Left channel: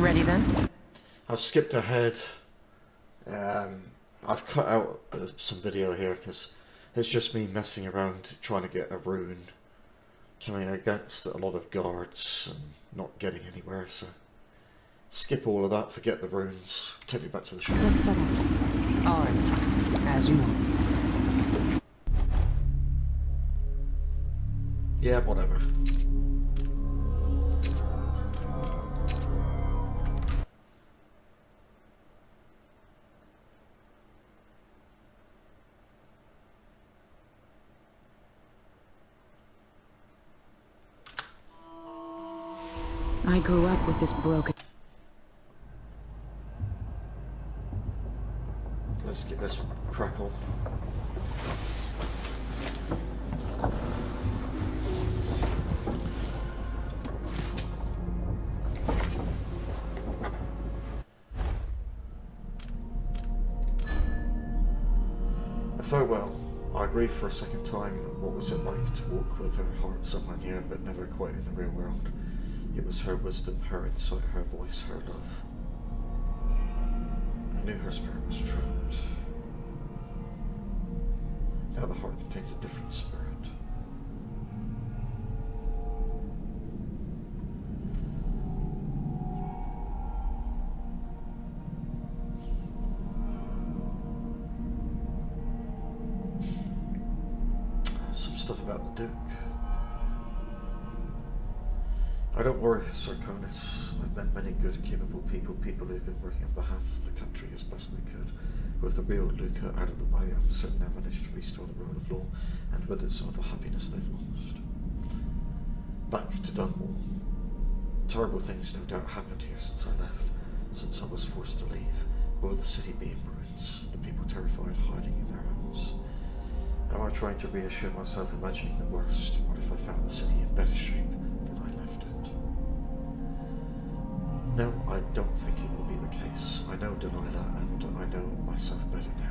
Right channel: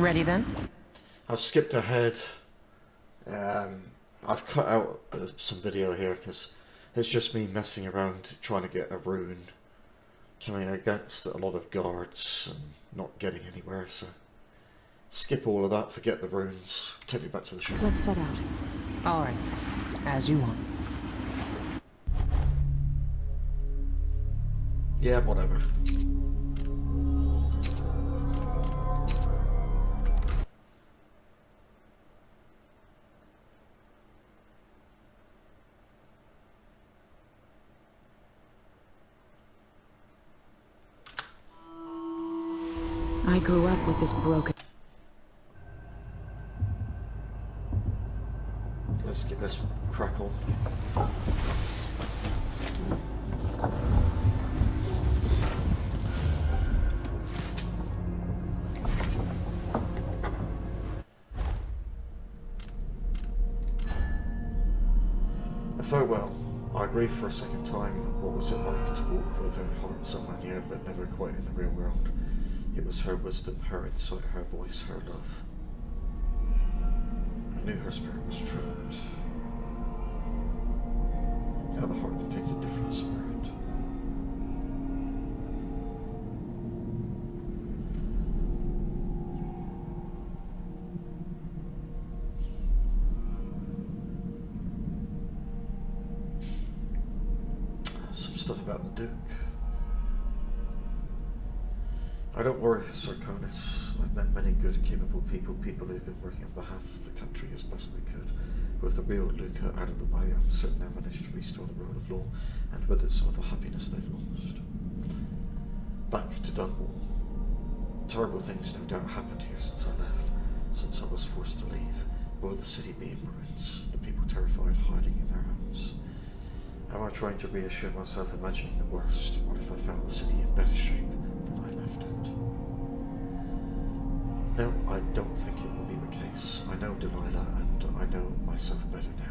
Ready then? I've skipped ahead. I've cut out some video here because it's just me messing around trying to get a rune, coming against a lot of guards and not getting anywhere, so skip all of that, forget the runes, take me back to the shop. Let's set out. Alright, as you want. Yeah, whatever. I grew up with this broken... Let's get this crackle. Farewell. I grieve for a second time. What was it like to walk with her heart somewhere near, but never quite in the real world? It was her wisdom, her insight, her voice, her love. I knew her spirit was trapped. Now the heart contains a different spirit. Some stuff about the Duke. I don't worry, Sir Conus. I've met many good, capable people who've been working on behalf of the country as best they could. With the real Luca out of the way, I'm certain they managed to restore the rule of law, and with it some of the happiness they've lost. Back to Dunwall. Terrible things no doubt happened here since I left, since I was forced to leave. Will the city be in ruins, the people terrified, hiding in their homes? Am I trying to reassure myself, imagining the worst? What if I found the city in better shape than I left it? No, I don't think it will be the case. I know Delilah, and I know myself better now.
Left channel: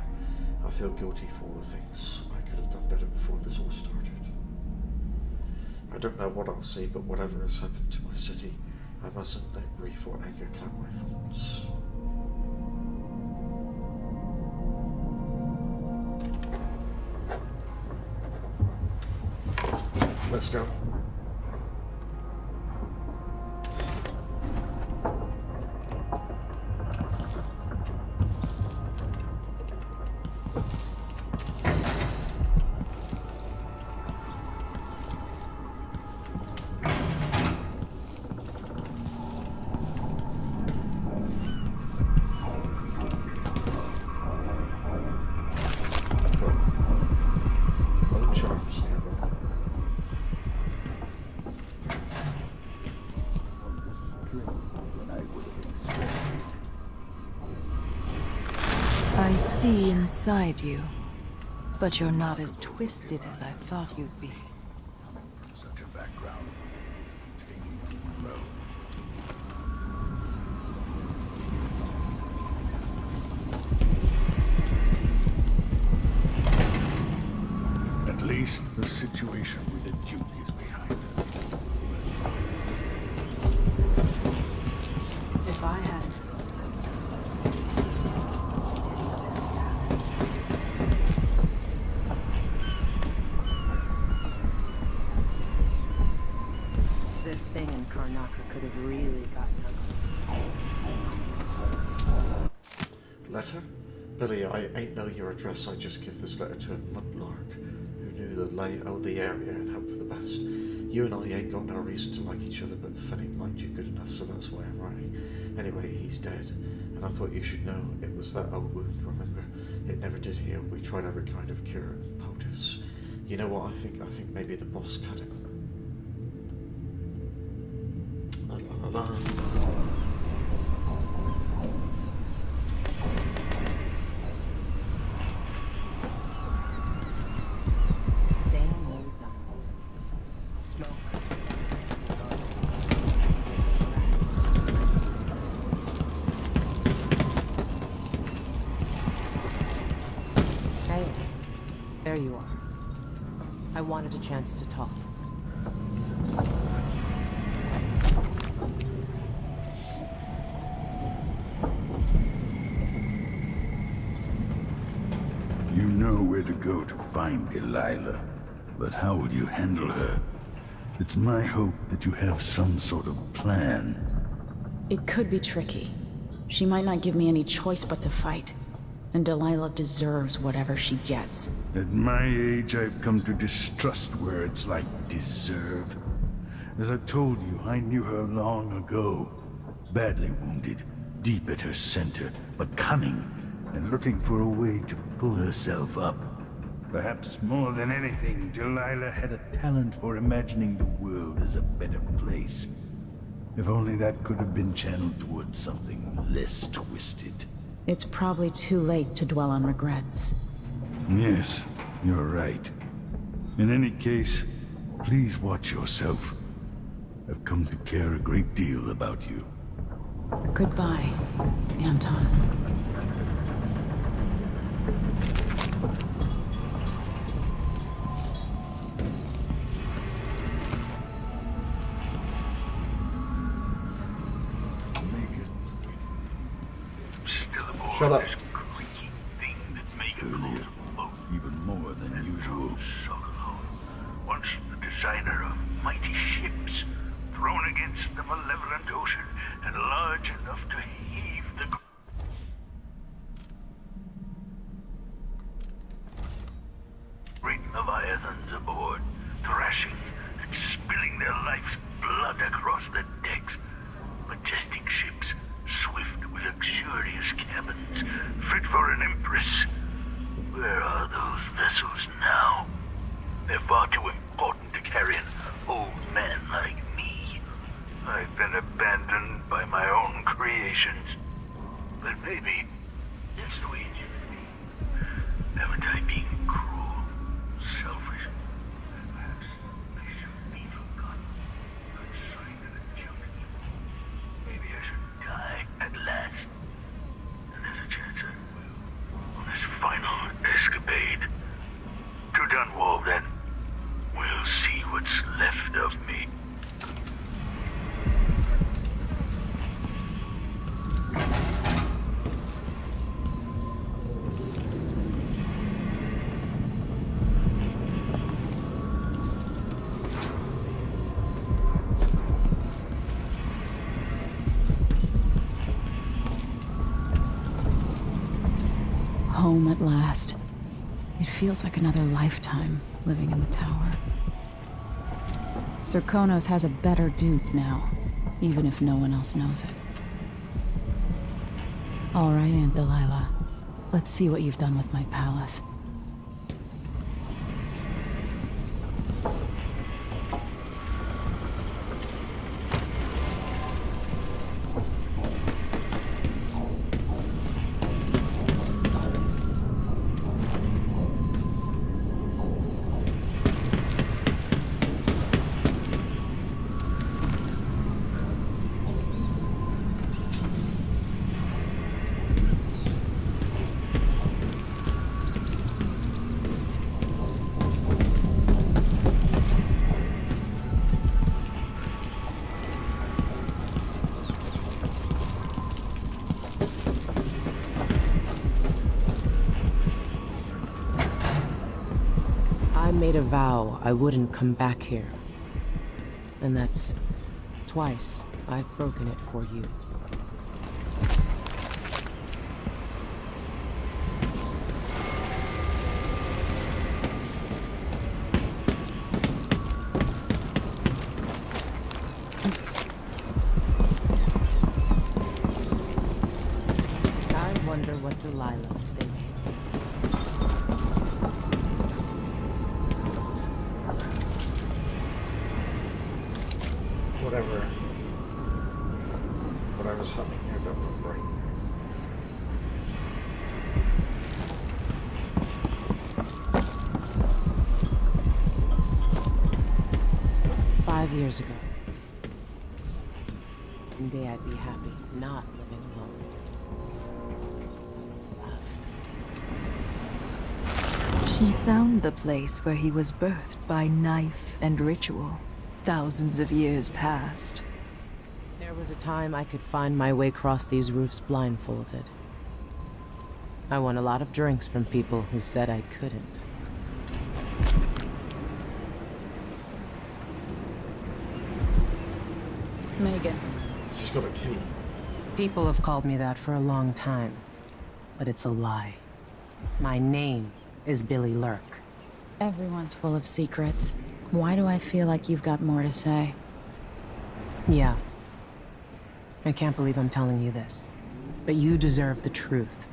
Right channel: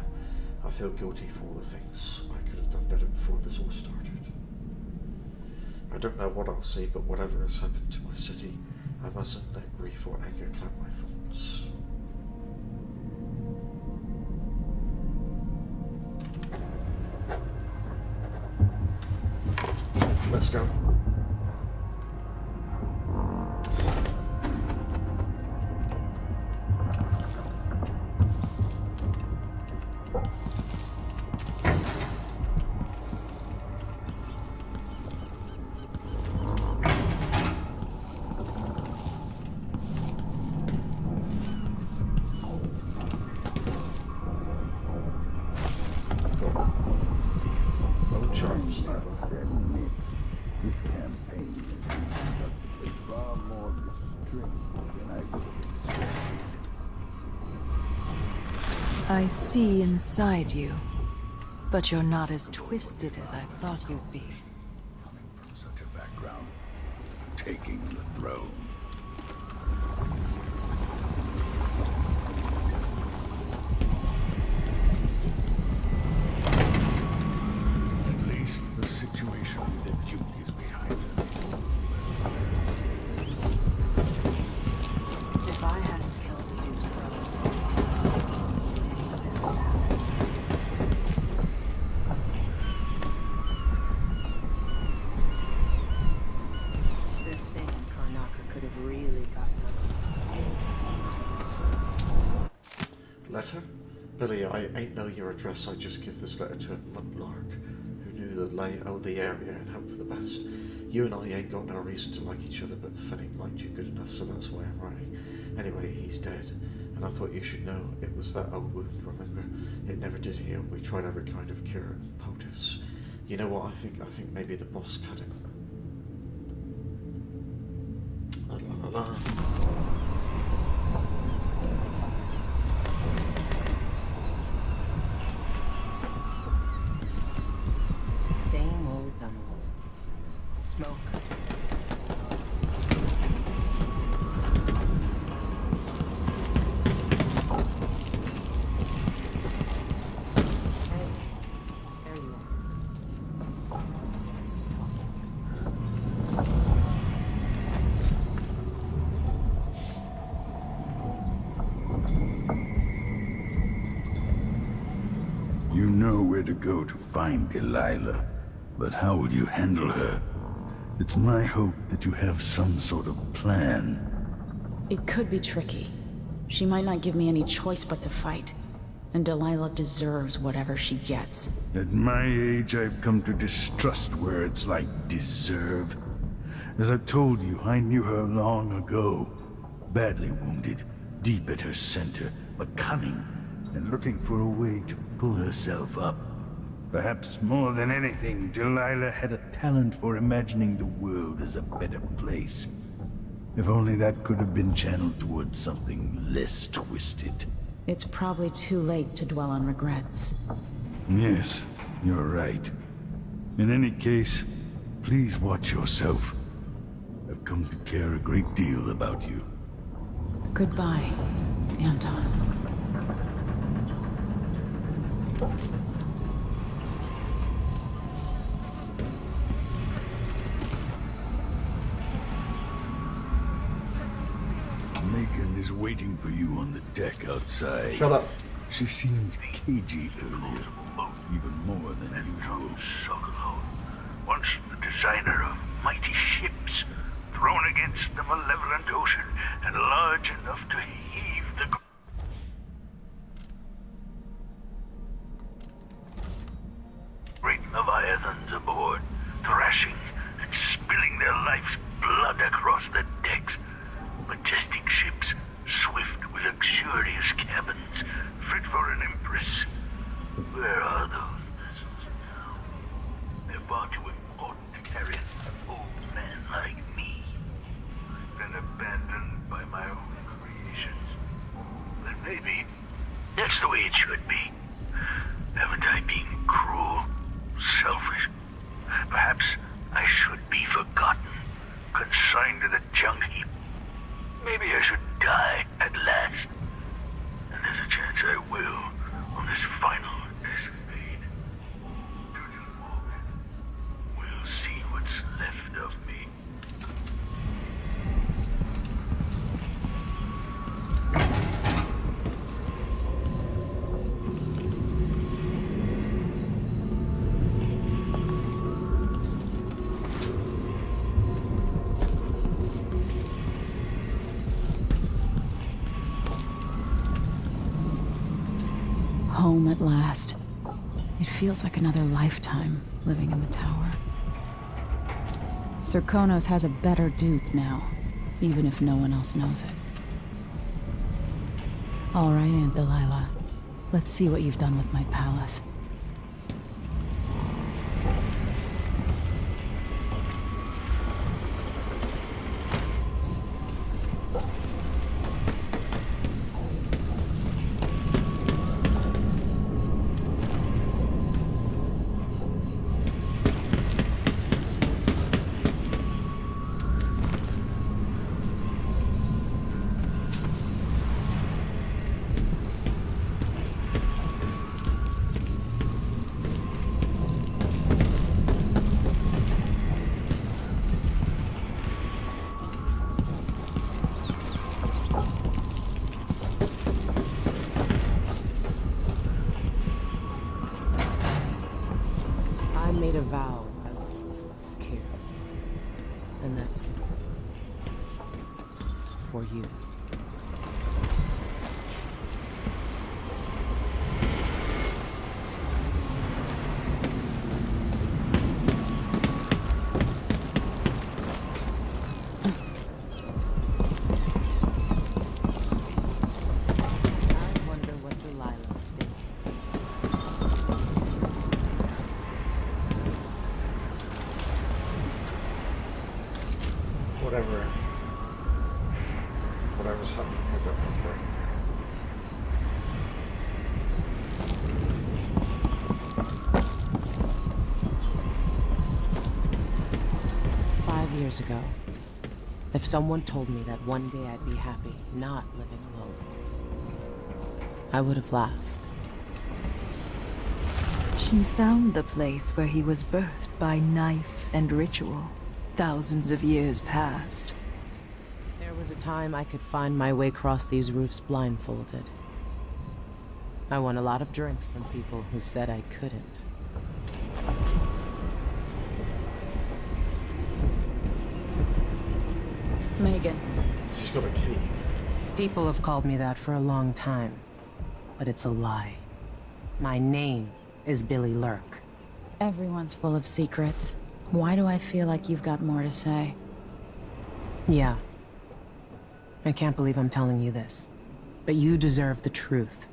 I feel guilty for all the things I could have done better before this all started. I don't know what I'll see, but whatever has happened to my city, I mustn't let grief or anger cloud my thoughts. Let's go. Bone charms nearby. I see inside you, but you're not as twisted as I thought you'd be. Coming from such a background, taking the throne. At least the situation with the Duke is behind us. If I hadn't killed This thing in Karnaka could have really gotten ugly. Letter? Billy, I ain't know your address. I just give this letter to a mudlark who knew the lay of the area and hoped for the best. You and I ain't got no reason to like each other, but Fennec liked you good enough, so that's why I'm writing. Anyway, he's dead, and I thought you should know it was that old wound, remember? It never did heal. We tried every kind of cure and poultice. You know what I think? I think maybe the boss cut him. La la la la. Same old Dunwall. Smoke. Hey, there you are. I wanted a chance to talk. You know where to go to find Delilah, but how will you handle her? It's my hope that you have some sort of plan. It could be tricky. She might not give me any choice but to fight. And Delilah deserves whatever she gets. At my age, I've come to distrust words like deserve. As I've told you, I knew her long ago. Badly wounded, deep at her center, but cunning, and looking for a way to pull herself up. Perhaps more than anything, Delilah had a talent for imagining the world as a better place. If only that could have been channeled towards something less twisted. It's probably too late to dwell on regrets. Yes, you're right. In any case, please watch yourself. I've come to care a great deal about you. Goodbye, Anton. Megan is waiting for you on the deck outside. Shut up. She seemed cagey earlier, even more than usual. Once the designer of mighty ships, thrown against the malevolent ocean and large enough to heave the great leviathans aboard, thrashing and spilling their life's blood across the decks. Majestic ships, swift with luxurious cabins, fit for an empress. Where are those vessels now? They're far too important to carry an old man like me. I've been abandoned by my own creations. But maybe that's the way it should be. Haven't I been cruel, selfish? Perhaps I should be forgotten, consigned to the junk heap. Maybe I should die at last. And there's a chance I will on this final escapade. To Dunwall, then. We'll see what's left of me. Home at last. It feels like another lifetime living in the tower. Sir Konos has a better duke now, even if no one else knows it. All right, Aunt Delilah. Let's see what you've done with my palace. I made a vow I wouldn't come back here. And that's twice I've broken it for you. I wonder what Delilah's thinking. Whatever's happening here, I don't remember. "5 years ago, if someone told me that one day I'd be happy not living alone, I would have laughed. She found the place where he was birthed by knife and ritual, thousands of years past. There was a time I could find my way across these roofs blindfolded. I won a lot of drinks from people who said I couldn't. Megan. She's got a key. People have called me that for a long time, but it's a lie. My name is Billy Lurk. Everyone's full of secrets. Why do I feel like you've got more to say? Yeah. I can't believe I'm telling you this, but you deserve the truth.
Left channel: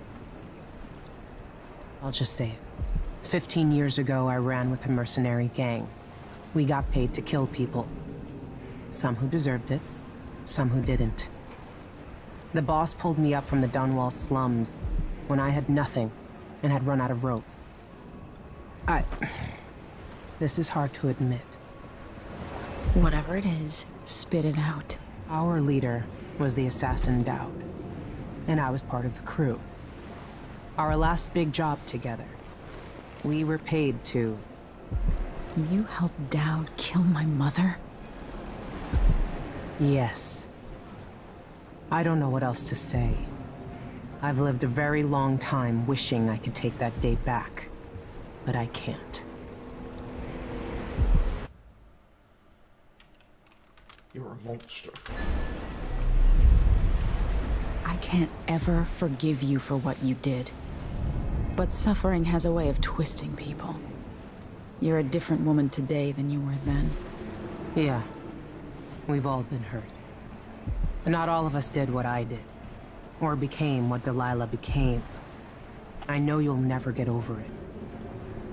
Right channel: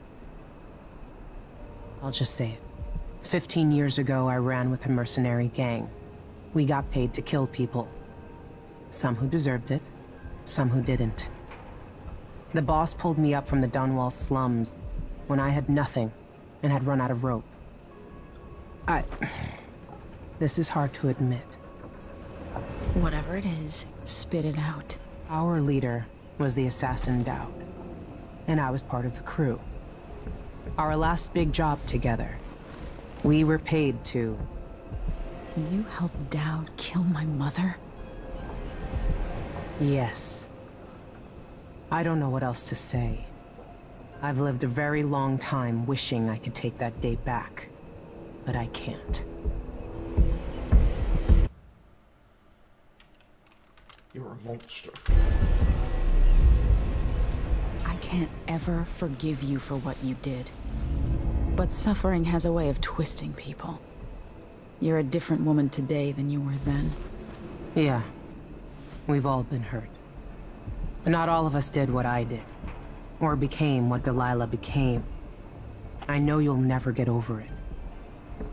I'll just say it. 15 years ago, I ran with a mercenary gang. We got paid to kill people. Some who deserved it, some who didn't. The boss pulled me up from the Dunwall slums when I had nothing and had run out of rope. This is hard to admit. Whatever it is, spit it out. Our leader was the assassin Dowd, and I was part of the crew. Our last big job together, we were paid to... You helped Dowd kill my mother? Yes. I don't know what else to say. I've lived a very long time wishing I could take that day back, but I can't. You're a monster. I can't ever forgive you for what you did. But suffering has a way of twisting people. You're a different woman today than you were then. Yeah. We've all been hurt. But not all of us did what I did. Or became what Delilah became. I know you'll never get over it.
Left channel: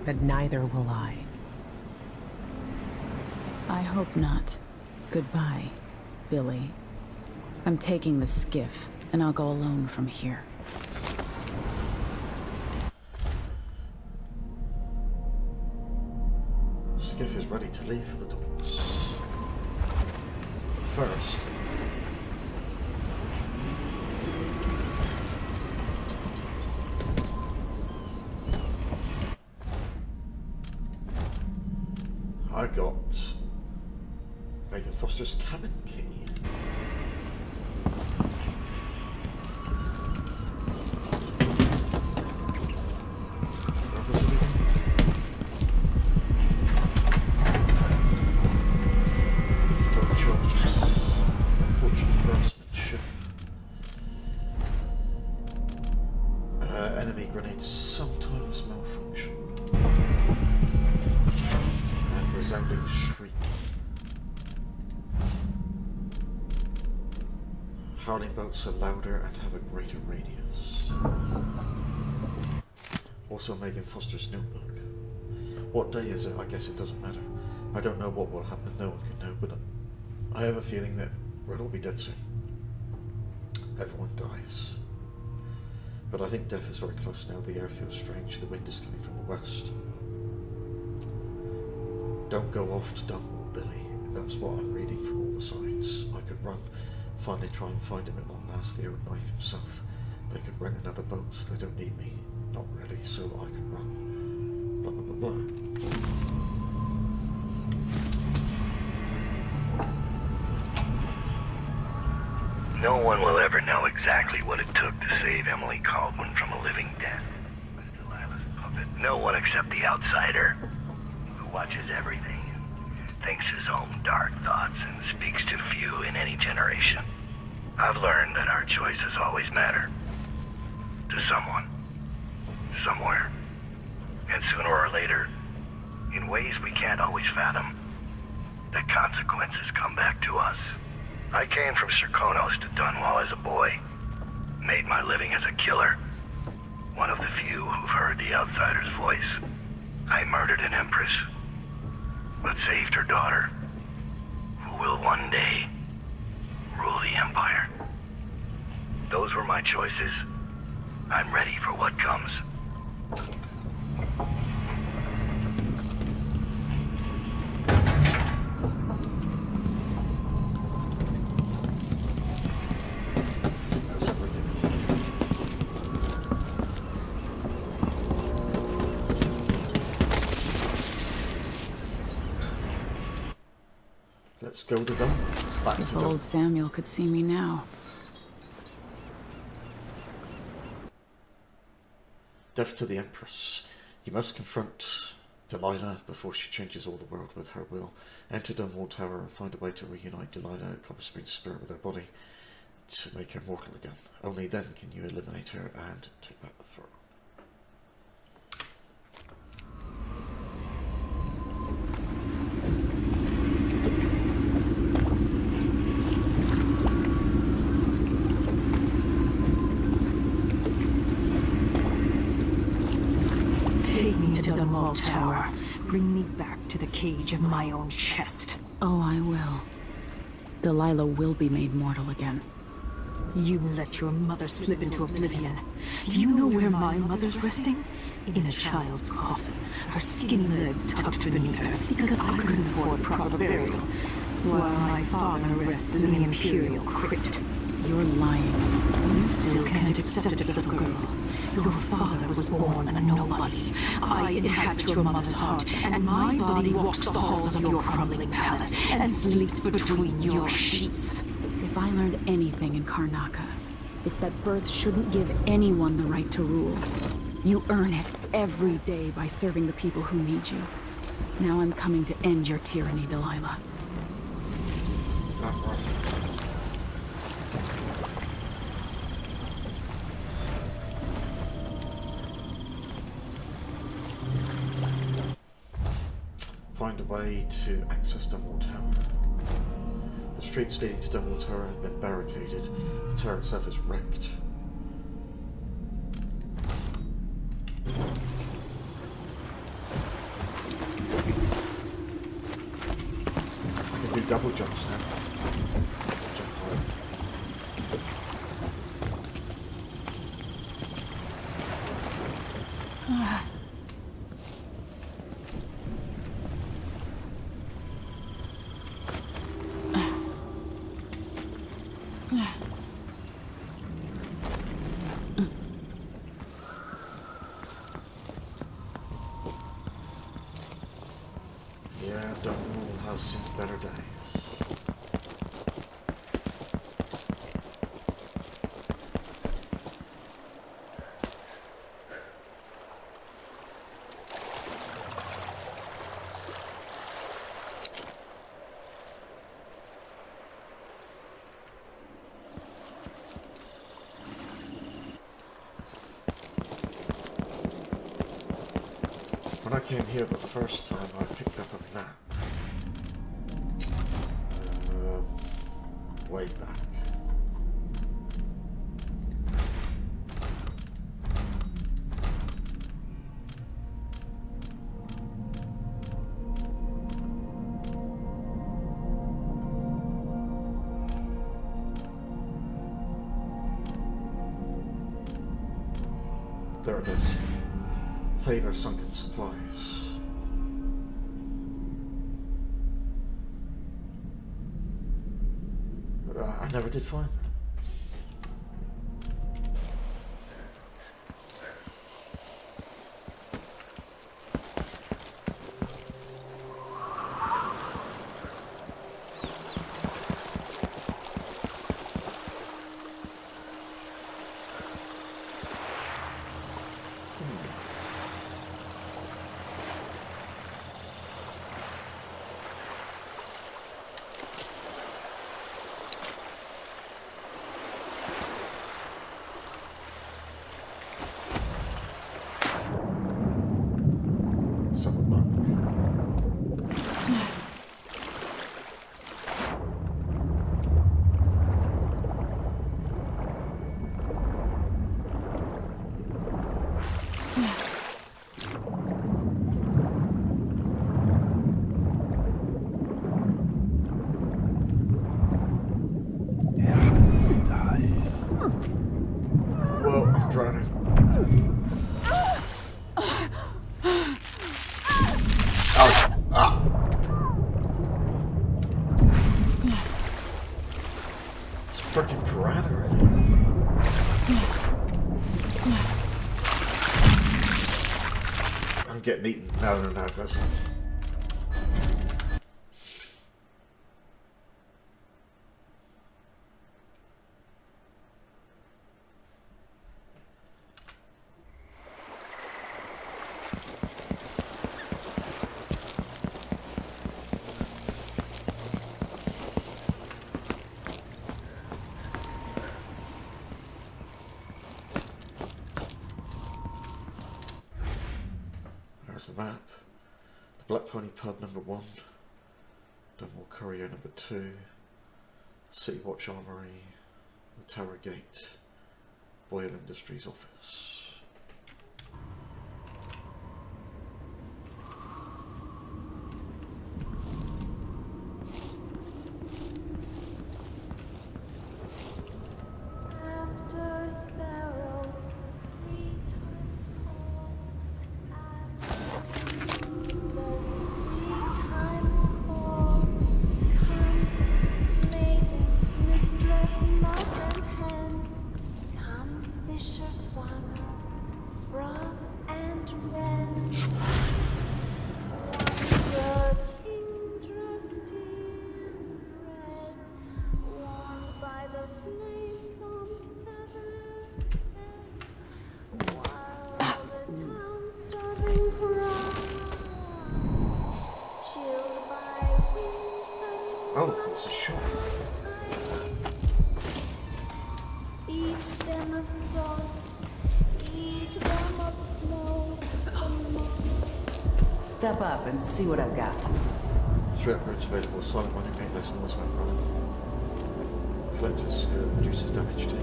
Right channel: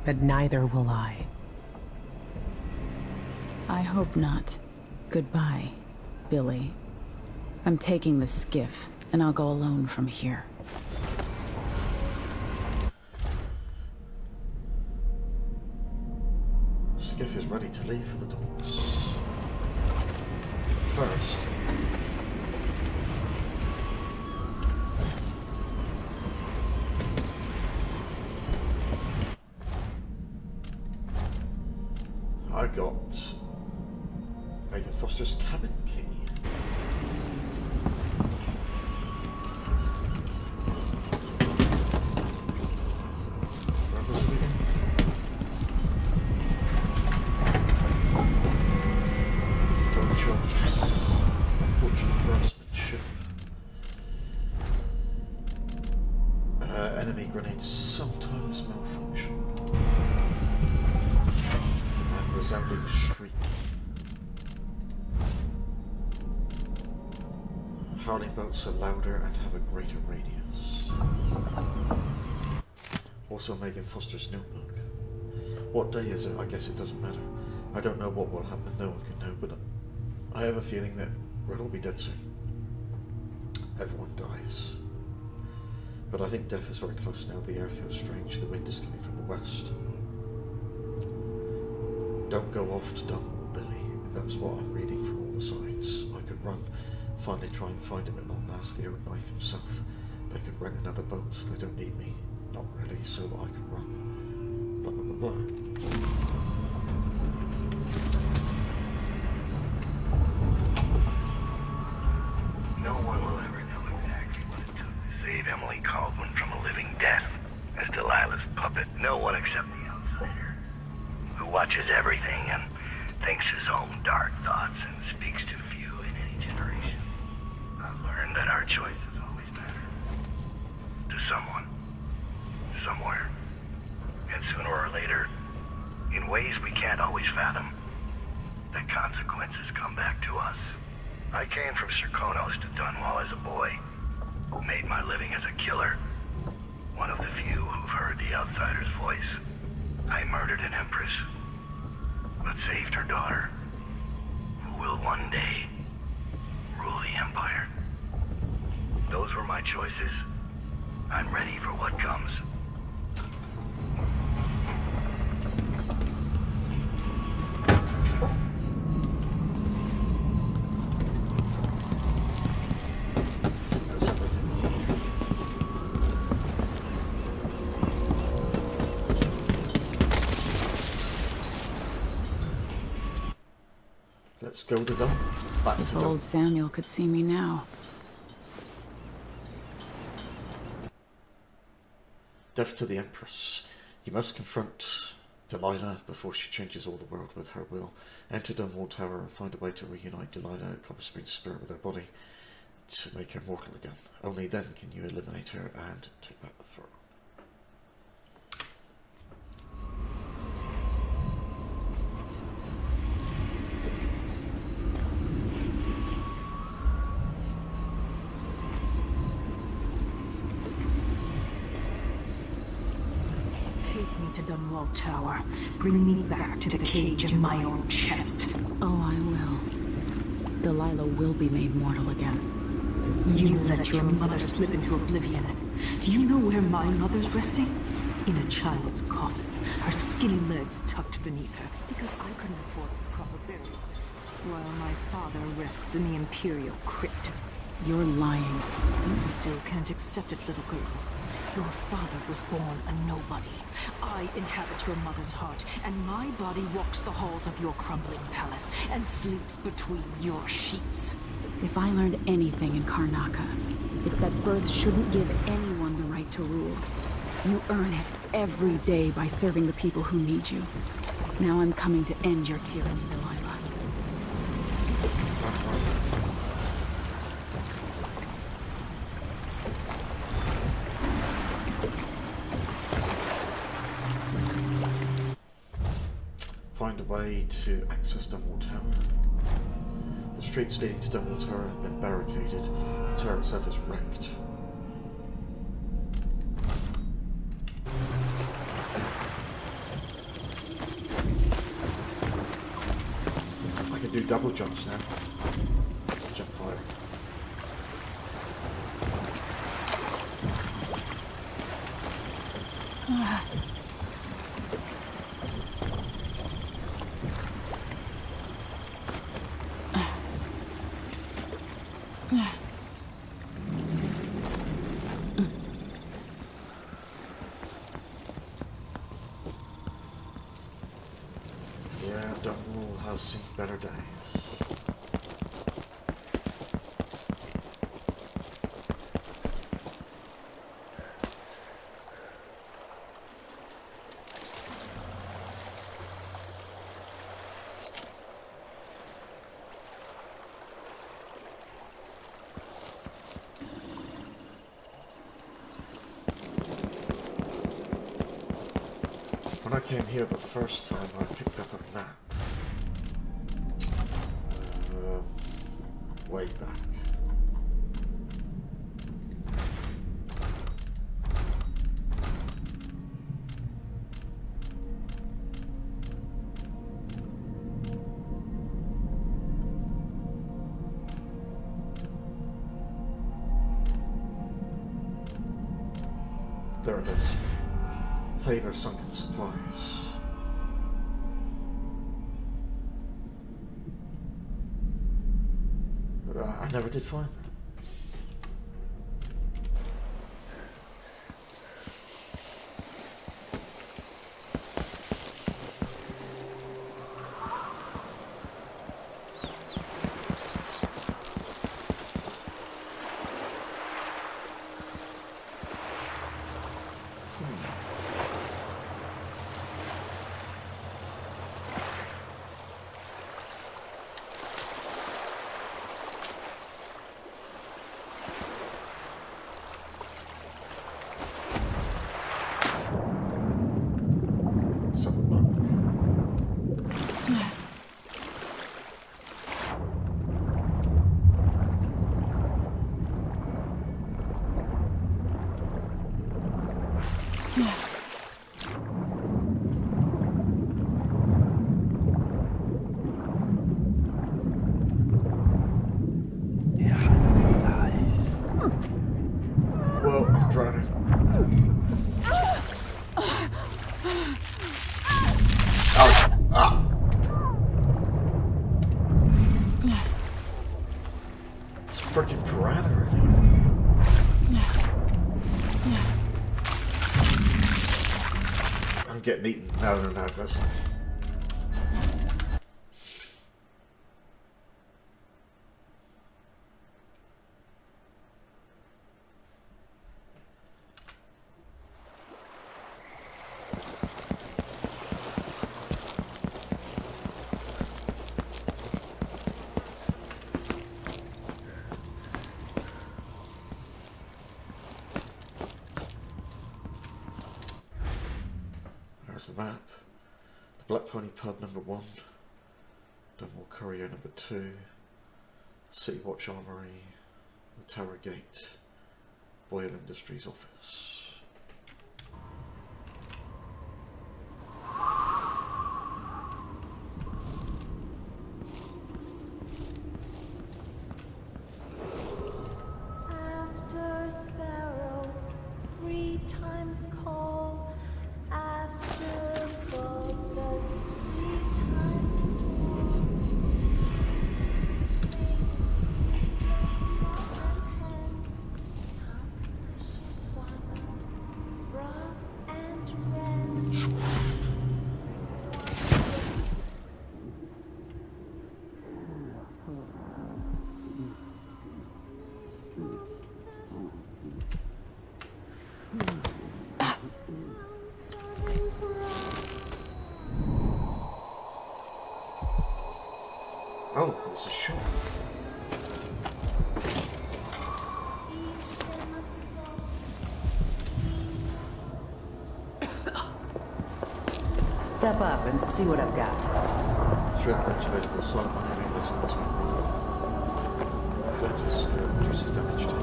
But neither will I. I hope not. Goodbye, Billy. I'm taking the skiff, and I'll go alone from here. Skiff is ready to leave for the docks. First, I got Megan Foster's cabin key. Where was it again? Don't jobs. Unfortunate craftsmanship. Enemy grenades sometimes malfunction. And resounding shriek. Howling bolts are louder and have a greater radius. Also Megan Foster's notebook. What day is it? I guess it doesn't matter. I don't know what will happen, no one can know, but I have a feeling that Red will be dead soon. Everyone dies. But I think death is very close now. The air feels strange. The wind is coming from the west. Don't go off to Dunwall, Billy. That's what I'm reading from all the signs. I could run, finally try and find him at long last, the old knife himself. They could rent another boat. They don't need me. Not really, so I could run. Blah, blah, blah, blah. No one will ever know exactly what it took to save Emily Caldwin from a living death as Delilah's puppet. No one except the outsider, who watches everything and thinks his own dark thoughts and speaks to few in any generation. I've learned that our choices always matter. To someone. Somewhere. And sooner or later, in ways we can't always fathom, the consequences come back to us. I came from Serkonos to Dunwall as a boy. Made my living as a killer. One of the few who've heard the outsider's voice. I murdered an empress, but saved her daughter, who will one day rule the Empire. Those were my choices. I'm ready for what comes. That's everything. Let's go to them. Back If to them. old Samuel could see me now. Death to the Empress. You must confront Delilah before she changes all the world with her will. Enter Dunwall Tower and find a way to reunite Delilah, Copper Spring's spirit, with her body to make her mortal again. Only then can you eliminate her and take back the throne. Take me to Dunwall Tower. Bring me back to the cage of my own chest. Oh, I will. Delilah will be made mortal again. You let your mother slip into oblivion. Do you know where my mother's resting? In a child's coffin, her skinny legs tucked beneath her, because I couldn't afford proper burial, while my father rests in the Imperial crypt. You're lying. You still can't accept it, little girl. Your father was born a nobody. I inhabit your mother's heart, and my body walks the halls of your crumbling palace and sleeps between your sheets. If I learned anything in Karnaca, it's that birth shouldn't give anyone the right to rule. You earn it every day by serving the people who need you. Now I'm coming to end your tyranny, Delilah. Find a way to access Dunwall Tower. The streets leading to Dunwall Tower have been barricaded. The tower itself is wrecked. I can do double jumps now. Jump higher. Yeah, Dunwall has seen better days. When I came here the first time, I picked up a map. Way back. There it is. Favor sunken supplies. I never did find that. Well, I'm drowning. Ow! Ah! It's freaking piranha already. I'm getting eaten. No, that's not. the map. The Black Pony Pub #1. Dunwall Courier #2. City Watch Armory. The Tower Gate. Boyle Industries office. After sparrows 3 times call, after soldiers 3 times fall, come maiden, mistress, mouse and hen, come fisher, farmer, frog and wren. Wondered interesting, warmed by the flames of heaven, while the town starving cries, chilled by winter. Oh, it's a shop. Eat them of frost, eat them of snow. Step up and see what I've got. Threat range available. Silent money made less than most weapons. Collectors reduces damage taken.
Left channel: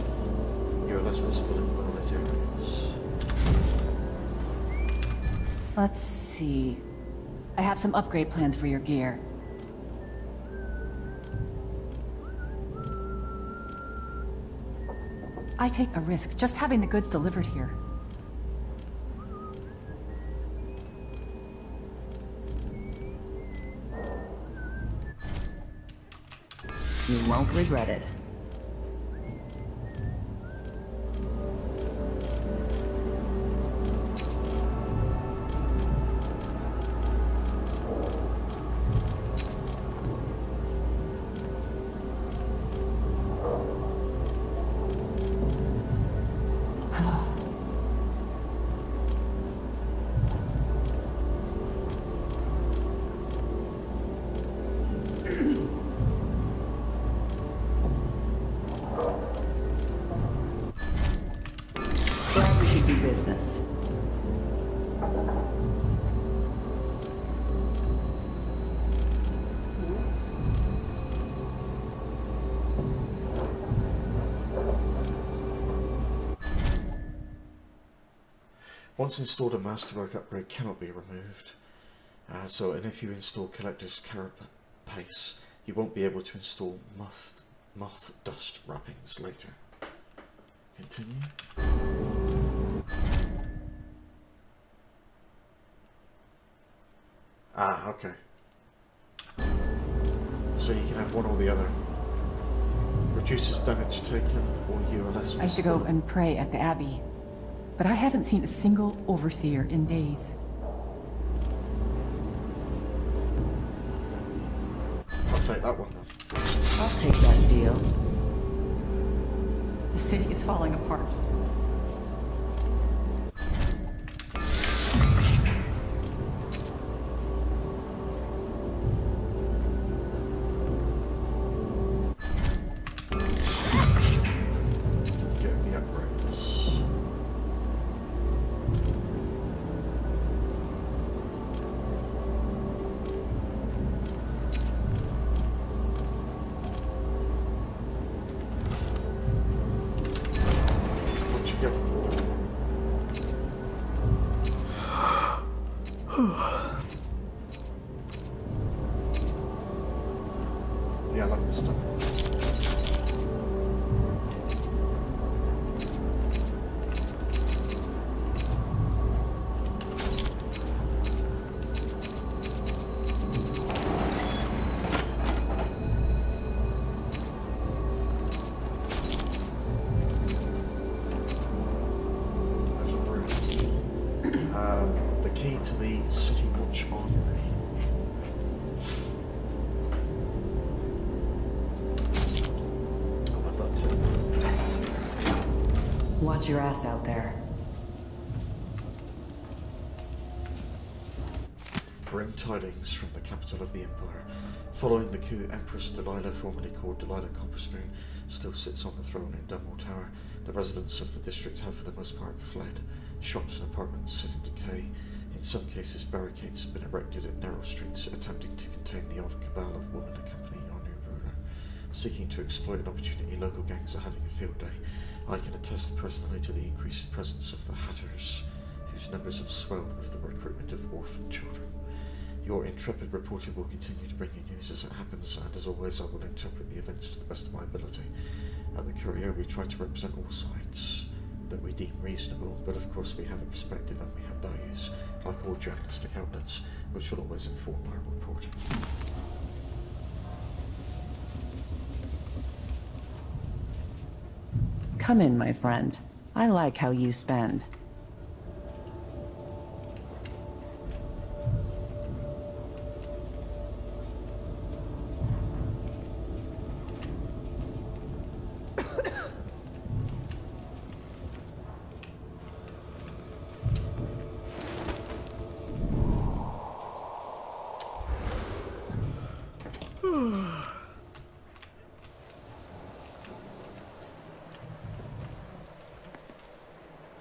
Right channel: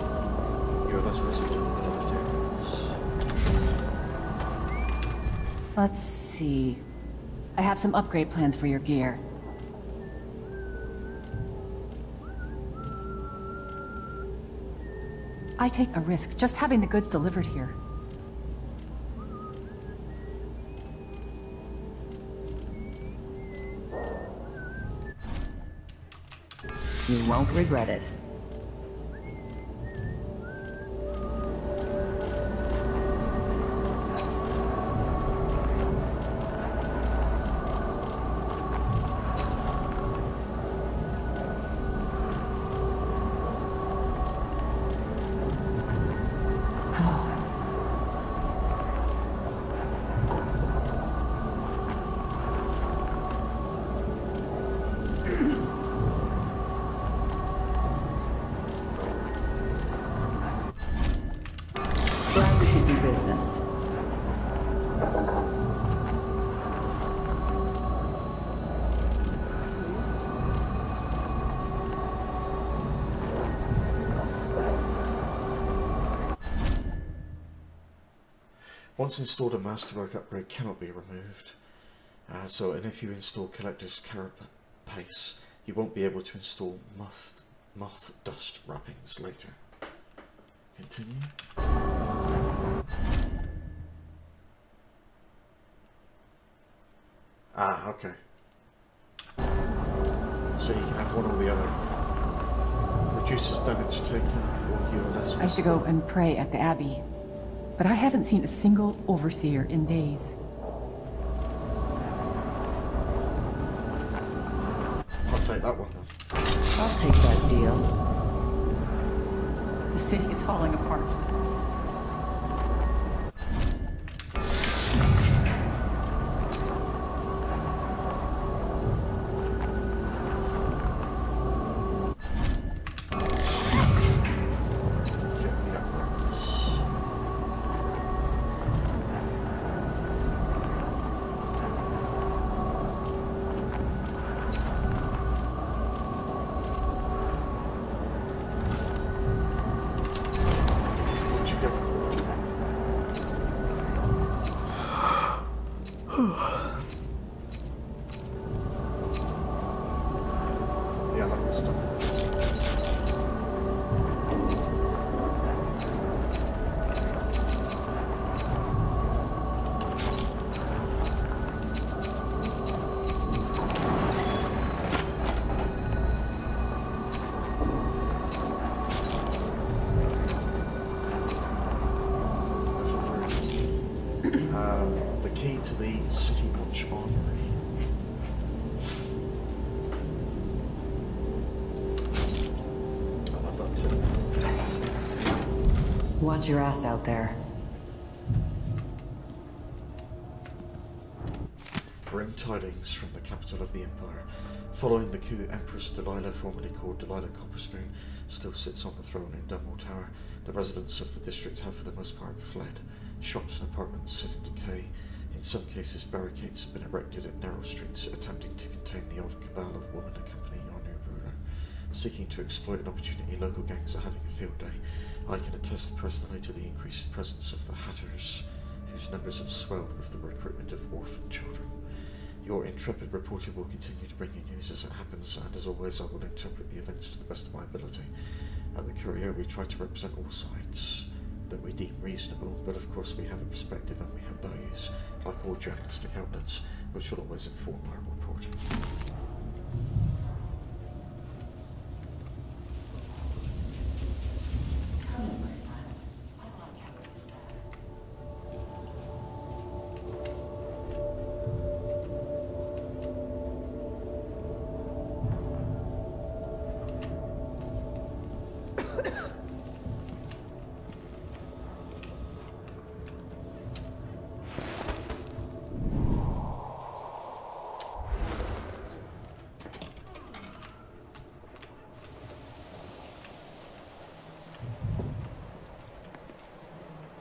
You are less visible in the lit areas. Let's see. I have some upgrade plans for your gear. I take a risk just having the goods delivered here. You won't regret it. Glad we could do business. Once installed, a masterwork upgrade cannot be removed. And if you install Collector's Carapace, you won't be able to install moth dust wrappings later. Continue. Ah, okay. So you can have one or the other. Reduces damage taken, or you are less. I used to go and pray at the Abbey, but I haven't seen a single overseer in days. I'll take that one then. I'll take that deal. The city is falling apart. Get the upgrades. Where'd you go? Yeah, I like this stuff. There's a room. The key to the City Watch Armory. I love that too. Watch your ass out there. Grim tidings from the capital of the Empire. Following the coup, Empress Delilah, formerly called Delilah Copperspoon, still sits on the throne in Dunwall Tower. The residents of the district have for the most part fled. Shops and apartments sit in decay. In some cases, barricades have been erected at narrow streets, attempting to contain the odd cabal of women accompanying our new ruler. Seeking to exploit an opportunity, local gangs are having a field day. I can attest personally to the increased presence of the Hatters, whose numbers have swelled with the recruitment of orphan children. Your intrepid reporter will continue to bring you news as it happens, and as always I will interpret the events to the best of my ability. At the Courier we try to represent all sides that we deem reasonable, but of course we have a perspective and we have values, like all journalistic outlets, which will always inform our reporting. Come in, my friend. I like how you spend.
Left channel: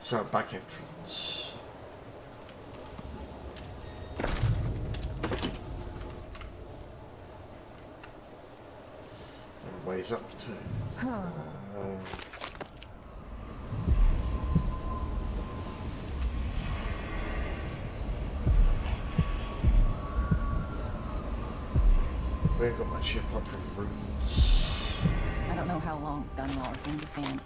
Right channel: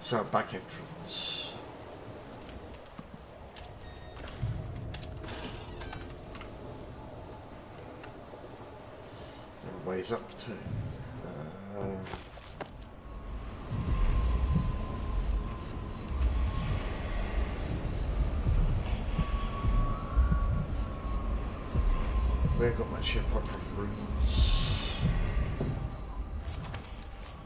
So, back entrance. And ways up too. We ain't got much here apart from rooms. I don't know how long Dunwall is going to stand.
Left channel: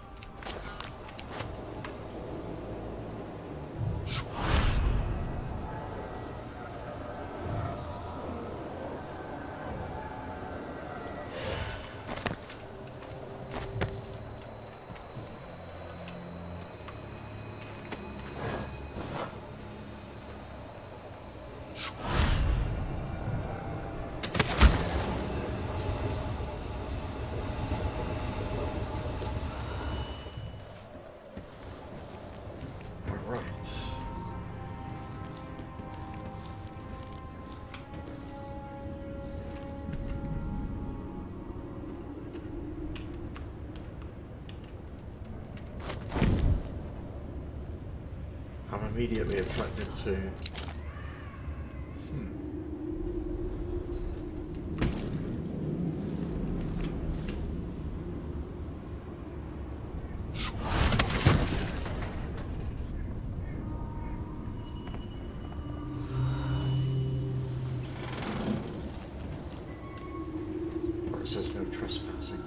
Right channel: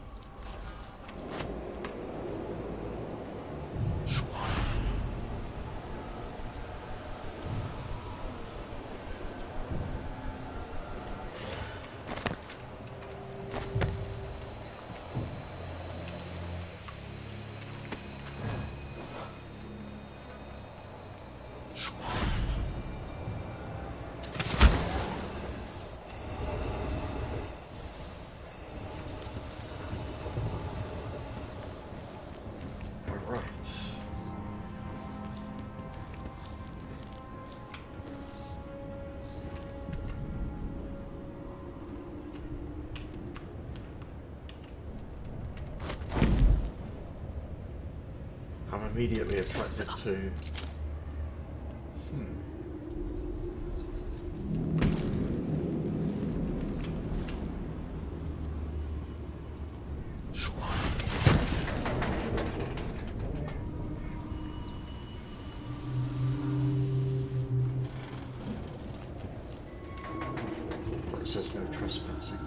I'm immediately attracted to... Where it says no trespassing.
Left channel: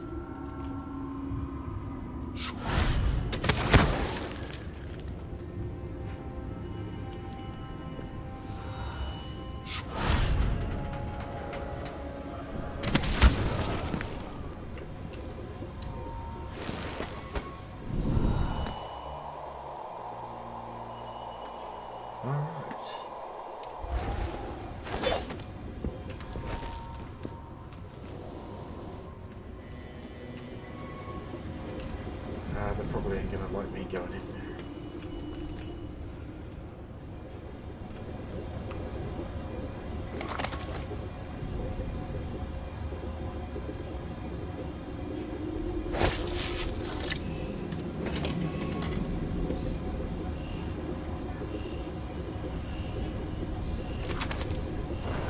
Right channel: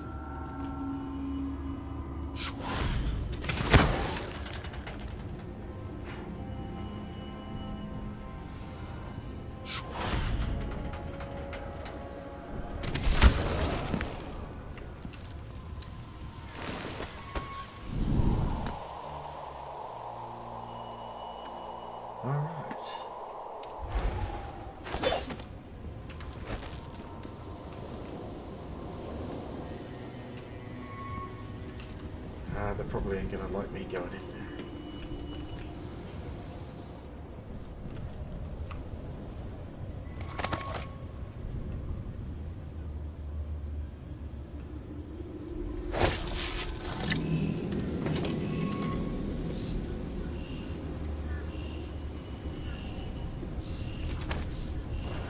They probably ain't gonna like me going in there.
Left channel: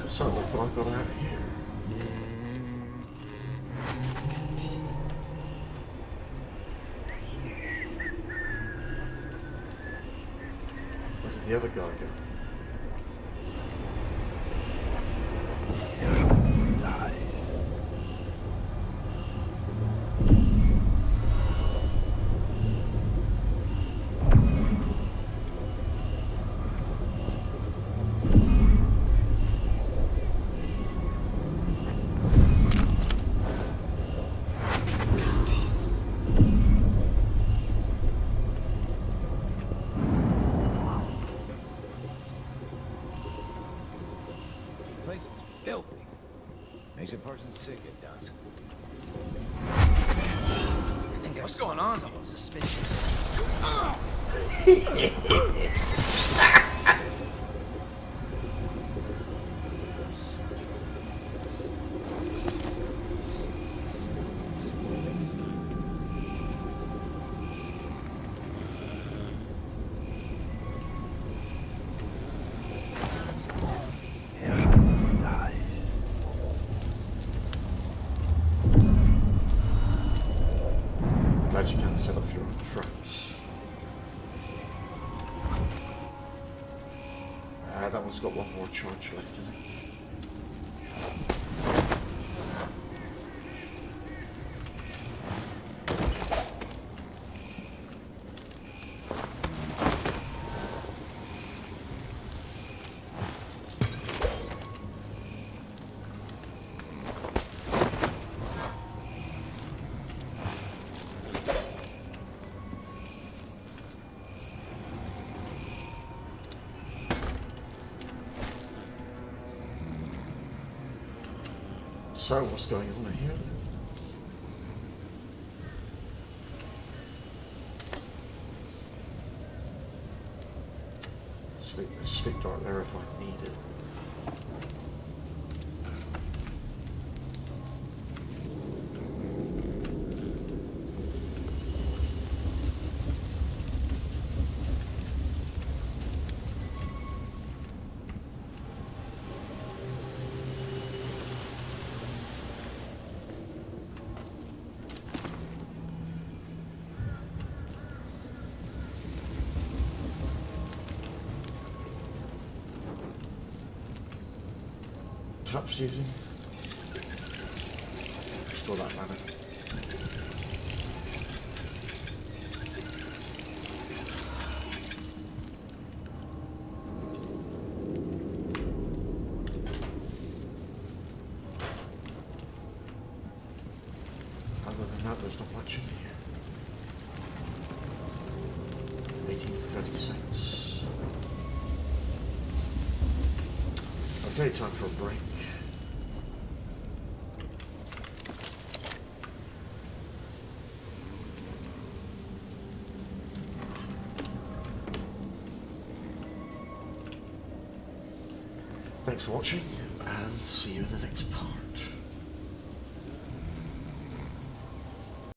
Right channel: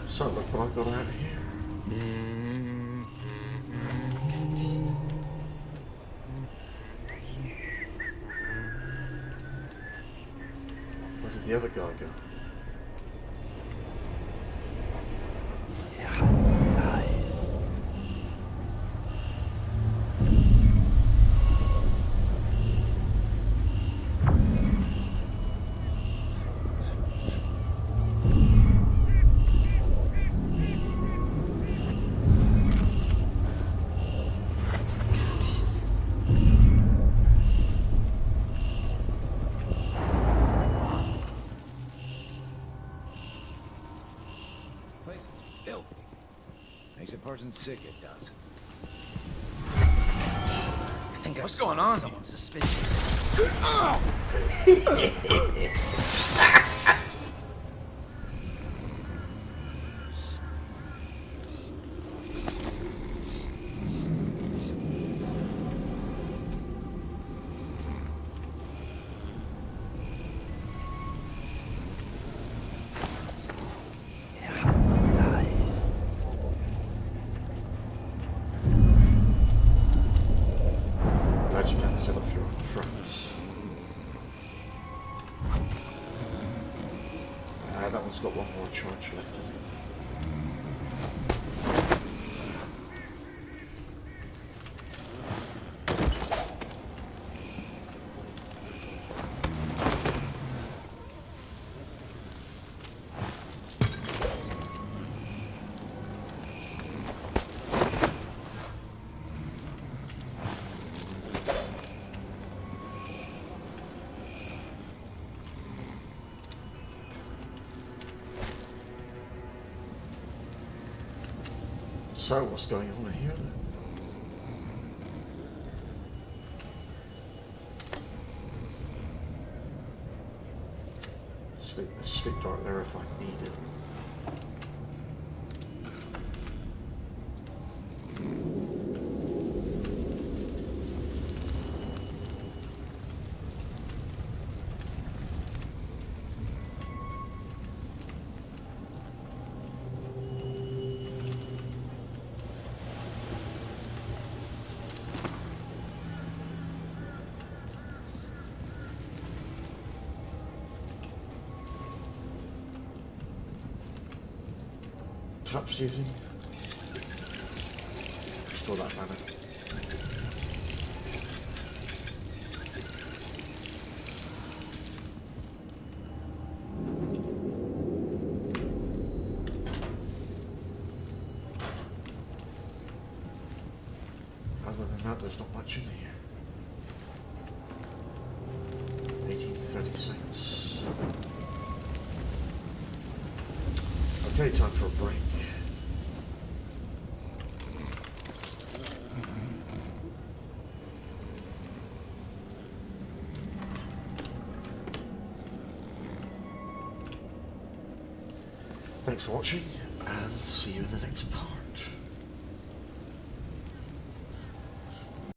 So look what I got out here. Where did the other guy go? Place is filthy. Makes a person sick, it does. I think What's going on? Someone suspicious. set up your own traps. That one's got one more charge left in it. So, what's going on here then? Stick dart there if I need it. Taps using. Restore that mana. Other than that, there's not much in here. 1836. Okay, time for a break. Thanks for watching, and see you in the next part.